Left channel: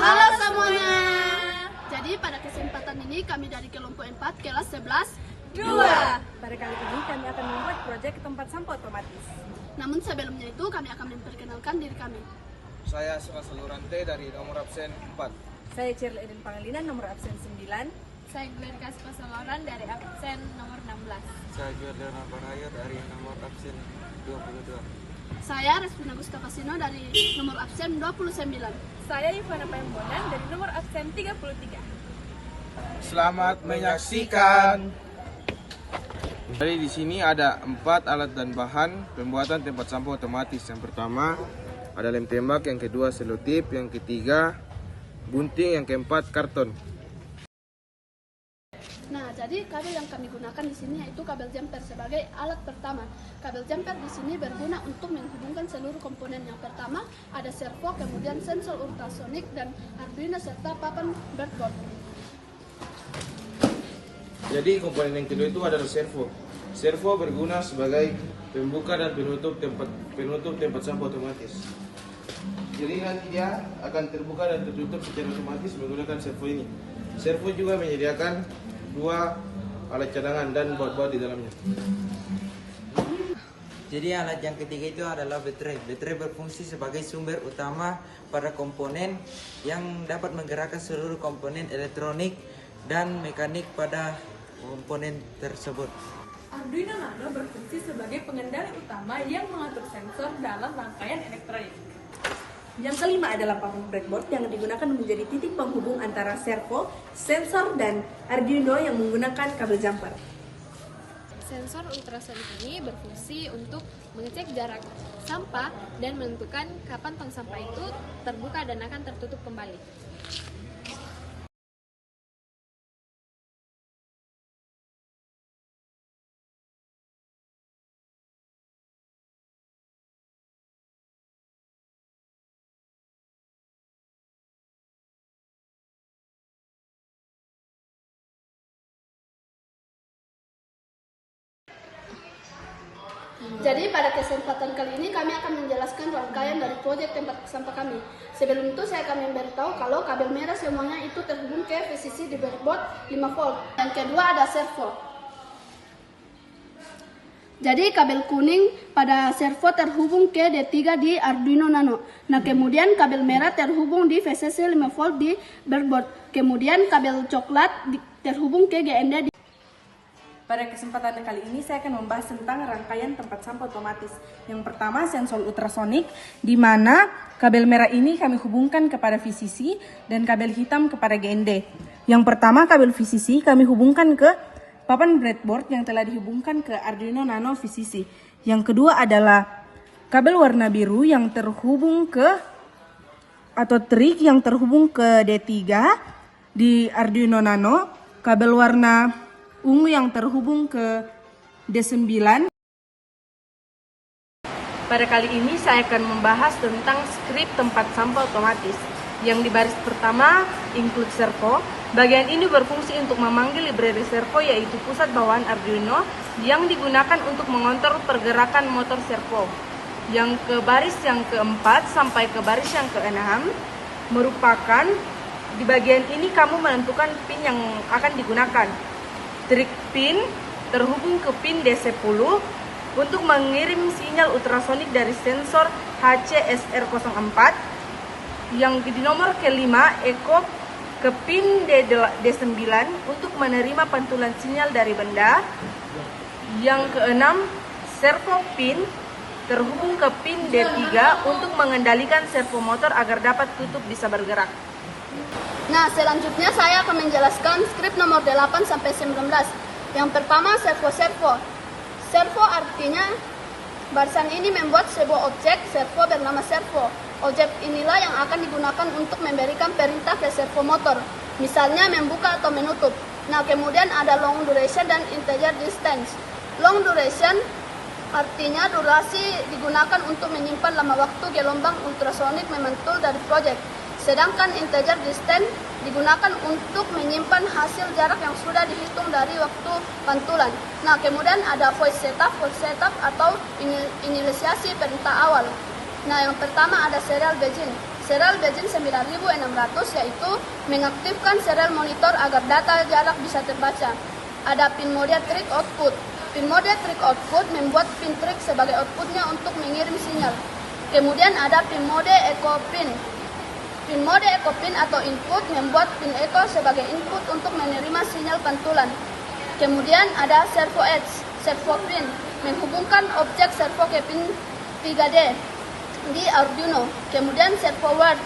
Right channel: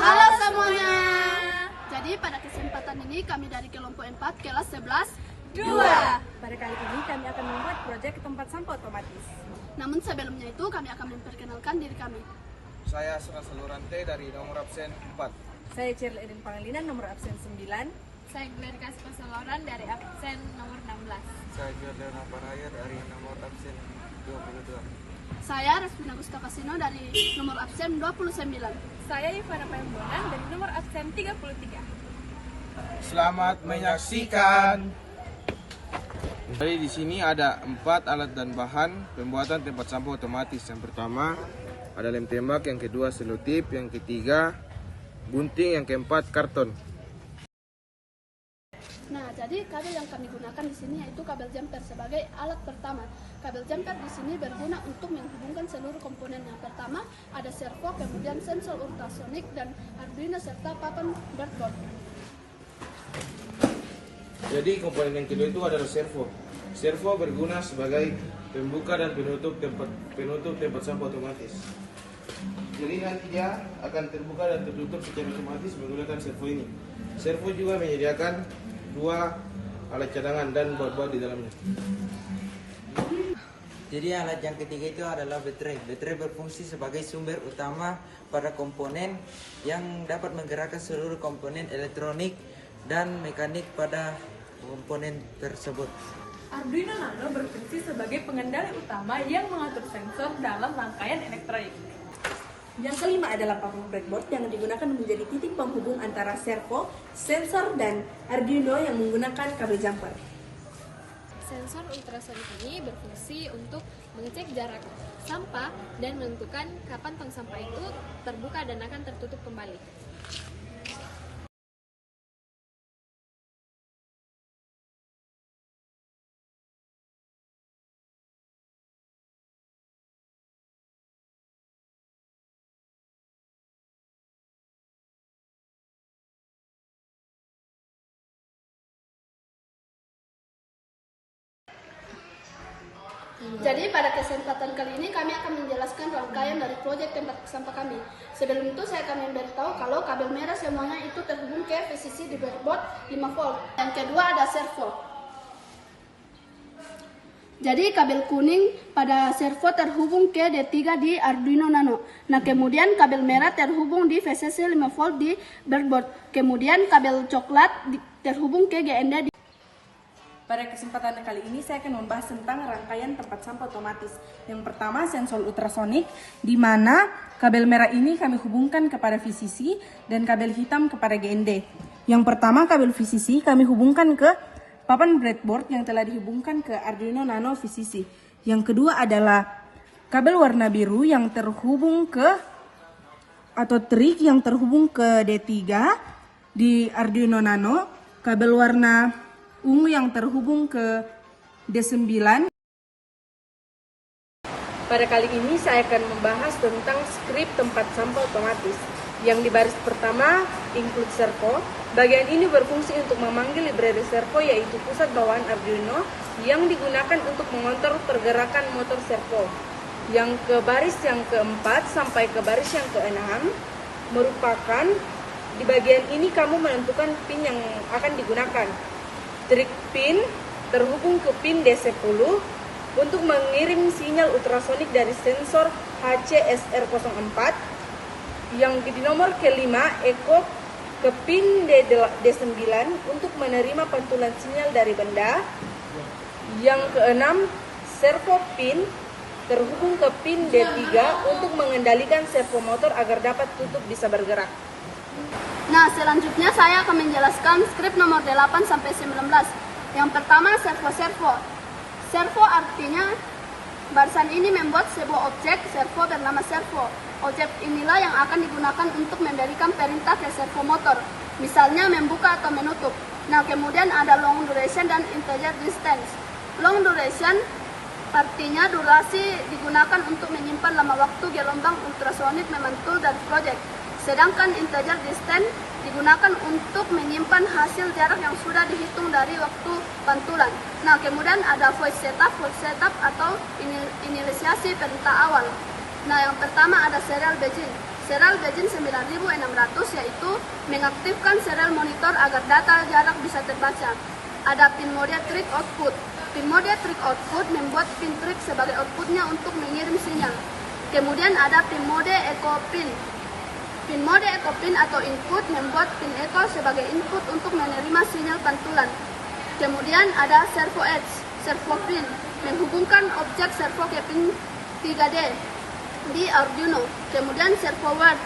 Halo semuanya. Jadi pada kesempatan ini kami dari kelompok 4 kelas 11 2. Pada kali ini kami akan membuat proyek tempat sampah otomatis. Namun sebelumnya itu kami akan memperkenalkan diri kami. Saya Surasa Lurante dari nomor absen 4. Saya Cirle Edin Pangalinan nomor absen 9. Saya Glerika Spasaloran dari absen nomor 16. Saya Giordano Paraya dari nomor absen 22. Saya Respina Gusta Kasino dari nomor absen 29. Saya Ivana Pembonan dari nomor absen 33. Selamat menyaksikan. Jadi di sini ada 4 alat dan bahan pembuatan tempat sampah otomatis. Yang pertama ada lem tembak, yang kedua selotip, yang ketiga gunting, yang keempat karton. Nah, jadi kabel yang kami gunakan di sini yaitu kabel jumper sebagai alat pertama. Kabel jumper di sini berguna untuk menghubungkan seluruh komponen. Yang pertama ada servo, kemudian sensor ultrasonik dan Arduino serta papan breadboard. Jadi komponen yang kedua itu adalah servo. Servo berguna sebagai pembuka dan penutup tempat sampah otomatis. Jadi nanti dia akan terbuka dan tertutup secara otomatis menggunakan servo ini. Servo juga menyediakan 2 alat cadangan dan baut-baut di dalamnya. Jadi alat yang ketiga itu adalah baterai. Baterai berfungsi sebagai sumber utama pada komponen yang dapat menggerakkan seluruh komponen elektronik dan mekanik pada komponen tersebut. Arduino Nano berfungsi sebagai pengendali utama yang mengatur sensor dalam rangkaian elektronik. Yang kelima adalah papan breadboard yang digunakan menjadi titik penghubung antara servo, sensor, dan Arduino yang menggunakan kabel jumper. Sensor ultrasonik ini berfungsi untuk mengecek jarak sampah dan menentukan kapan tong sampah itu terbuka dan akan tertutup kembali. Jadi pada kesempatan kali ini kami akan menjelaskan rangkaian dari proyek tempat sampah kami. Sebelum itu saya akan memberitahu kalau kabel merah semuanya itu terhubung ke VCC di breadboard 5 volt. Yang kedua ada servo. Jadi kabel kuning pada servo terhubung ke D3 di Arduino Nano. Nah kemudian kabel merah terhubung di VCC 5 volt di breadboard. Kemudian kabel coklat terhubung ke GND di. Pada kesempatan kali ini saya akan membahas tentang rangkaian tempat sampah otomatis. Yang pertama sensor ultrasonik, di mana kabel merah ini kami hubungkan kepada VCC dan kabel hitam kepada GND. Yang pertama kabel VCC kami hubungkan ke papan breadboard yang telah dihubungkan ke Arduino Nano VCC. Yang kedua adalah kabel warna biru yang terhubung ke atau trig yang terhubung ke D3 di Arduino Nano. Kabel warna ungu yang terhubung ke D9. Pada kali ini saya akan membahas tentang skrip tempat sampah otomatis. Yang di baris pertama include servo. Bagian ini berfungsi untuk memanggil library servo yaitu pusat bawaan Arduino yang digunakan untuk mengontrol pergerakan motor servo. Yang ke baris yang keempat sampai ke baris yang keenam merupakan di bagian ini kamu menentukan pin yang akan digunakan. Trig pin terhubung ke pin D10 untuk mengirim sinyal ultrasonik dari sensor HCSR04. Yang di nomor kelima, echo ke pin D9 untuk menerima pantulan sinyal dari benda. Yang keenam, servo pin terhubung ke pin D3 untuk mengendalikan servo motor agar dapat tutup bisa bergerak. Nah, selanjutnya saya akan menjelaskan skrip nomor 8 sampai 19. Yang pertama, servo. Servo artinya barisan ini membuat sebuah objek servo bernama servo. Objek inilah yang akan digunakan untuk memberikan perintah ke servo motor, misalnya membuka atau menutup. Nah, kemudian ada long duration dan integer distance. Long duration artinya durasi digunakan untuk menyimpan lama waktu gelombang ultrasonik memantul dari proyek. Sedangkan integer distance digunakan untuk menyimpan hasil jarak yang sudah dihitung dari waktu pantulan. Nah, kemudian ada voice setup atau inisiasi perintah awal. Nah, yang pertama ada serial begin. Serial Beijing 9600 yaitu mengaktifkan serial monitor agar data jarak bisa terbaca. Ada pin mode trick output. Pin mode trick output membuat pin trick sebagai outputnya untuk mengirim sinyal. Kemudian ada pin mode echo pin. Pin mode echo pin atau input membuat pin echo sebagai input untuk menerima sinyal pantulan. Kemudian ada servo edge, servo pin, menghubungkan objek servo ke pin 3D di Arduino. Kemudian servo ward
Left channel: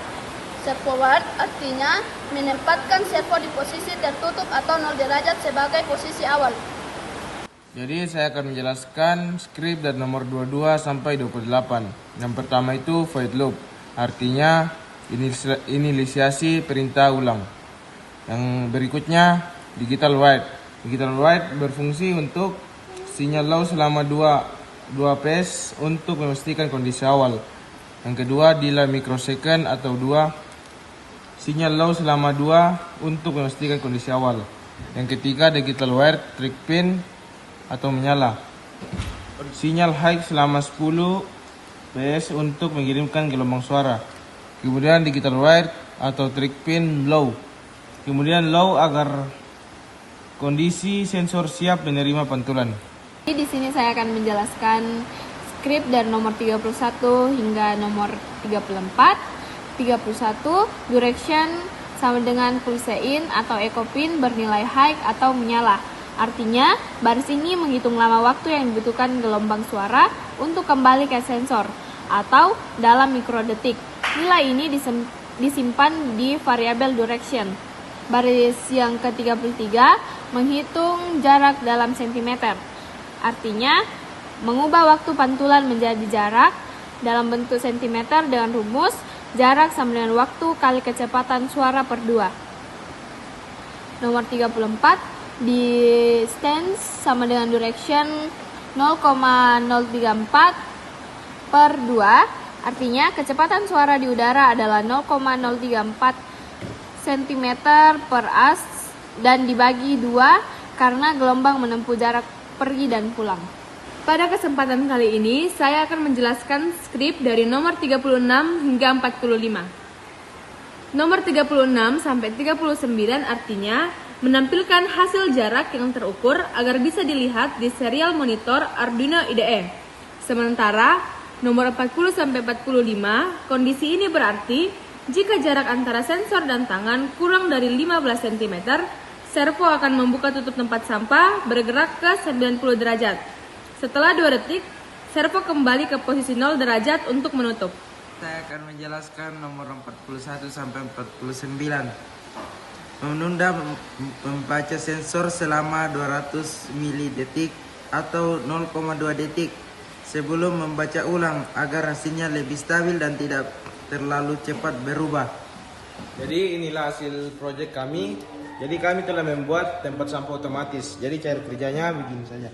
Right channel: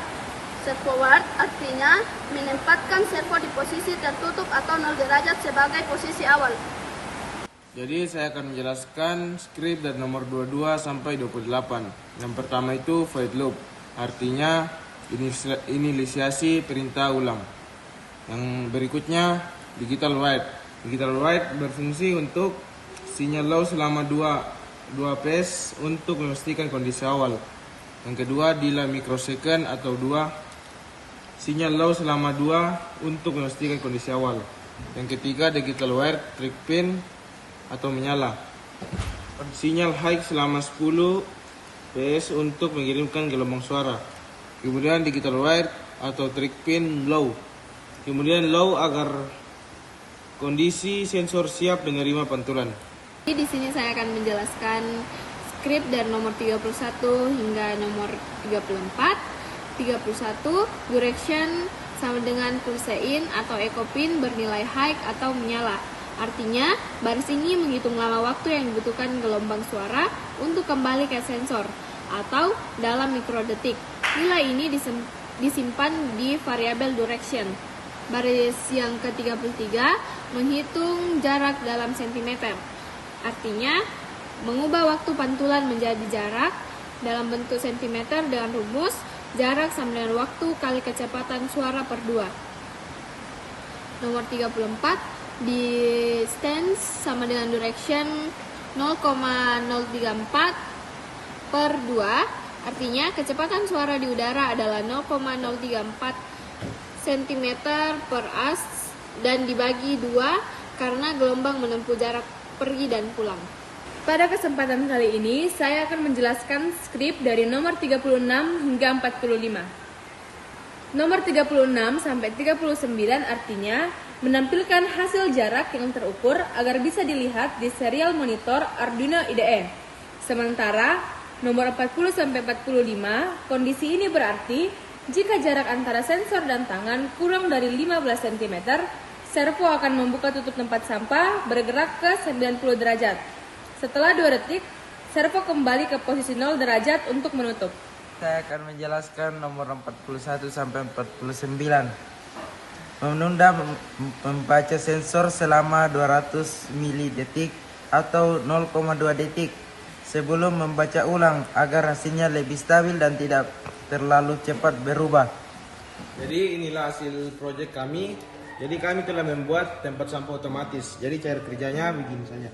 artinya menempatkan servo di posisi tertutup atau 0 derajat sebagai posisi awal. Jadi saya akan menjelaskan script dari nomor 22 sampai 28. Yang pertama itu void loop, artinya inisiasi perintah ulang. Yang berikutnya digital write. Digital write berfungsi untuk sinyal low selama 2 phase untuk memastikan kondisi awal. Yang kedua delay microsecond atau 2 sinyal low selama 2 untuk memastikan kondisi awal. Yang ketiga digital write trick pin atau menyala. Sinyal high selama 10 phase untuk mengirimkan gelombang suara. Kemudian digital write atau trick pin low. Kemudian low agar kondisi sensor siap menerima pantulan. Di sini saya akan menjelaskan script dari nomor 31 hingga nomor 34. 31 direction sama dengan pulse in atau echo pin bernilai high atau menyala. Artinya, baris ini menghitung lama waktu yang dibutuhkan gelombang suara untuk kembali ke sensor atau dalam mikrodetik. Nilai ini disimpan di variabel direction. Baris yang ke-33 menghitung jarak dalam sentimeter. Artinya, mengubah waktu pantulan menjadi jarak dalam bentuk sentimeter dengan rumus jarak sama dengan waktu kali kecepatan suara per 2. Nomor 34 di stance sama dengan direction 0,034 per 2, artinya kecepatan suara di udara adalah 0,034 cm per as dan dibagi 2 karena gelombang menempuh jarak pergi dan pulang. Pada kesempatan kali ini, saya akan menjelaskan script dari nomor 36 hingga 45. Nomor 36 sampai 39 artinya menampilkan hasil jarak yang terukur agar bisa dilihat di serial monitor Arduino IDE. Sementara nomor 40 sampai 45, kondisi ini berarti jika jarak antara sensor dan tangan kurang dari 15 cm, servo akan membuka tutup tempat sampah bergerak ke 90 derajat. Setelah 2 detik, servo kembali ke posisi 0 derajat untuk menutup. Saya akan menjelaskan nomor 41 sampai 49. Menunda membaca sensor selama 200 mili-detik atau 0,2 detik sebelum membaca ulang agar hasilnya lebih stabil dan tidak terlalu cepat berubah. Jadi inilah hasil proyek kami. Jadi kami telah membuat tempat sampah otomatis. Jadi cara kerjanya begini saja.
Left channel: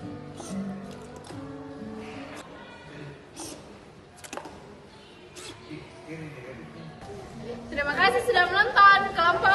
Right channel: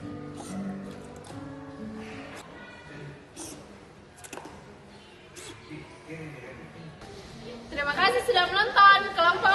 Terima kasih sudah menonton. Kelompok